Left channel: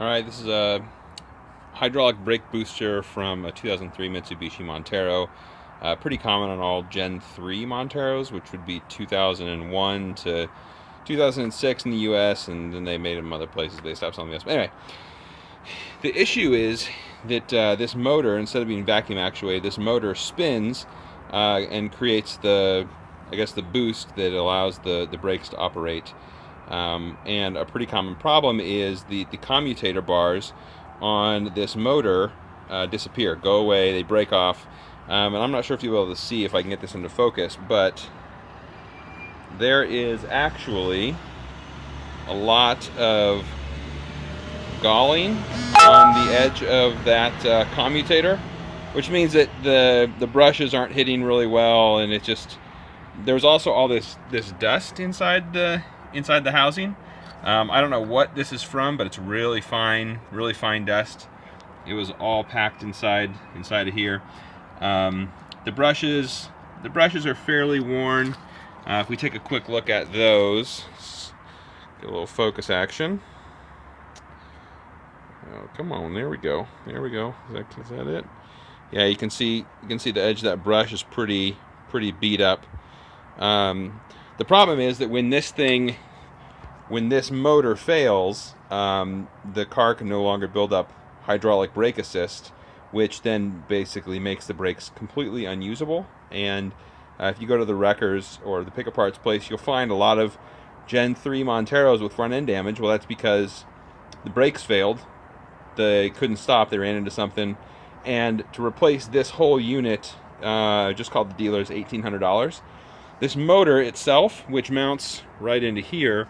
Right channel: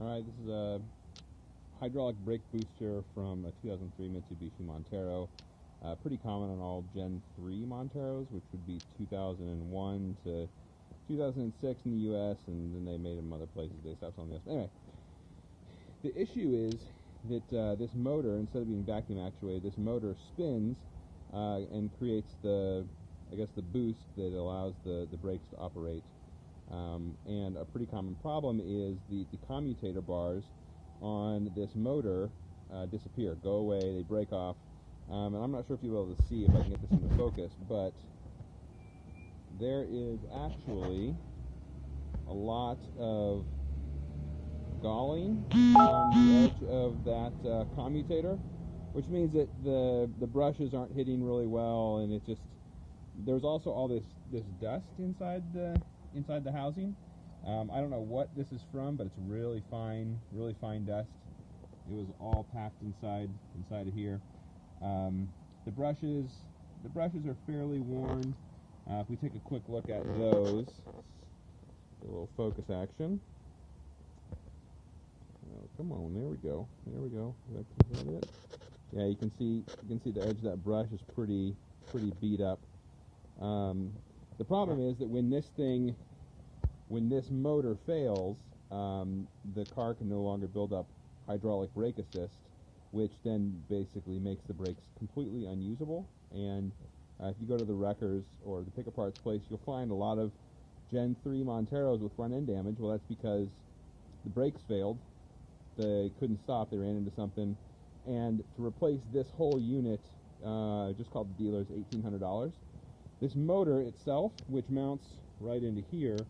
Alright, this is a hydraulic brake booster from a 2003 Mitsubishi Montero. Pretty common on all Gen 3 Monteros, which would be 2001 to 2006 in the US, and then they made them other places. They stopped selling the US. But anyway, the issue is that this motor, instead of being vacuum actuated, this motor spins and creates the boost that allows the brakes to operate. And a pretty common problem is the commutator bars on this motor disappear, go away, they break off. And I'm not sure if you'll be able to see if I can get this into focus, but there is actually a lot of galling on the edge of that commutator, which means that the brushes aren't hitting really well, and it just, there's also all this dust inside the housing. I don't know what this is from, but it's really fine dust. It was all packed inside of here. The brushes are fairly worn. If we take a quick look at those, get a little focus action. Oh, come on, there we go. Is that it? Yeah, you can see the edge of that brush is pretty beat up. The problem is that when this motor fails, the car can no longer build up hydraulic brake assist, which then basically makes the brakes completely unusable. And if you go to the wreckers or the pick parts place, you'll find a lot of Gen 3 Monteros with front end damage. Well, that's because the brakes failed. They couldn't stop. They ran into something. And to replace this whole unit, just called the dealers $1,800. This motor itself, which mounts right into here,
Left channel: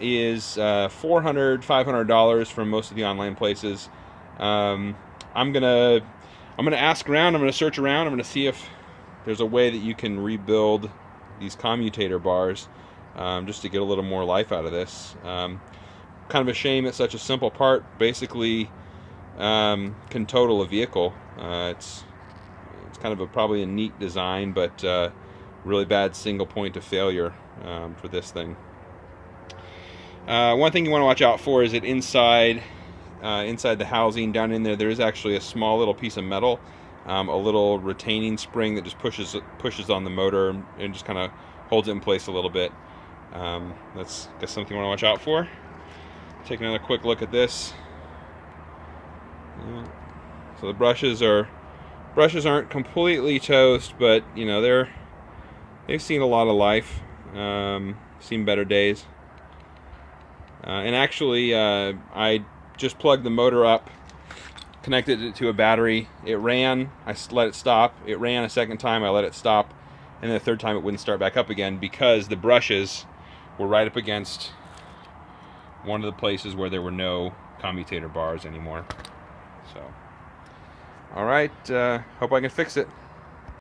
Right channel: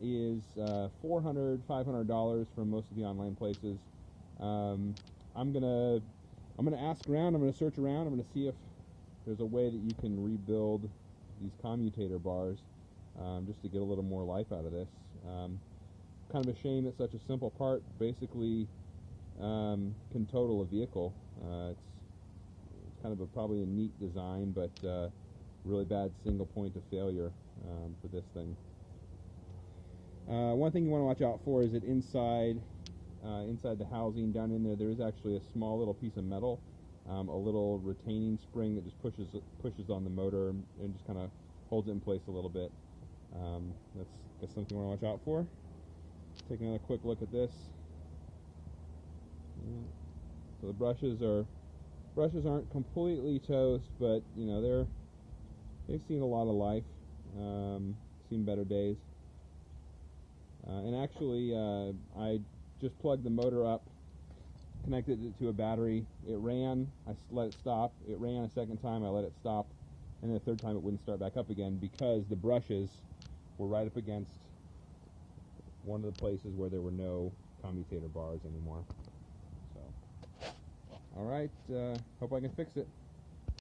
is $400, $500 from most of the online places. I'm gonna ask around. I'm gonna search around. I'm gonna see if there's a way that you can rebuild these commutator bars, just to get a little more life out of this. Kind of a shame that such a simple part basically can total a vehicle. It's kind of probably a neat design, but really bad single point of failure for this thing. One thing you want to watch out for is that inside the housing, down in there is actually a small little piece of metal, a little retaining spring that just pushes on the motor and just kind of holds it in place a little bit. That's something you want to watch out for. Take another quick look at this. Yeah. So the brushes aren't completely toast, but you know they've seen a lot of life, seen better days. And actually, I just plugged the motor up, connected it to a battery. It ran. I let it stop. It ran a second time. I let it stop, and then the third time it wouldn't start back up again because the brushes were right up against one of the places where there were no commutator bars anymore. So, all right. Hope I can fix it.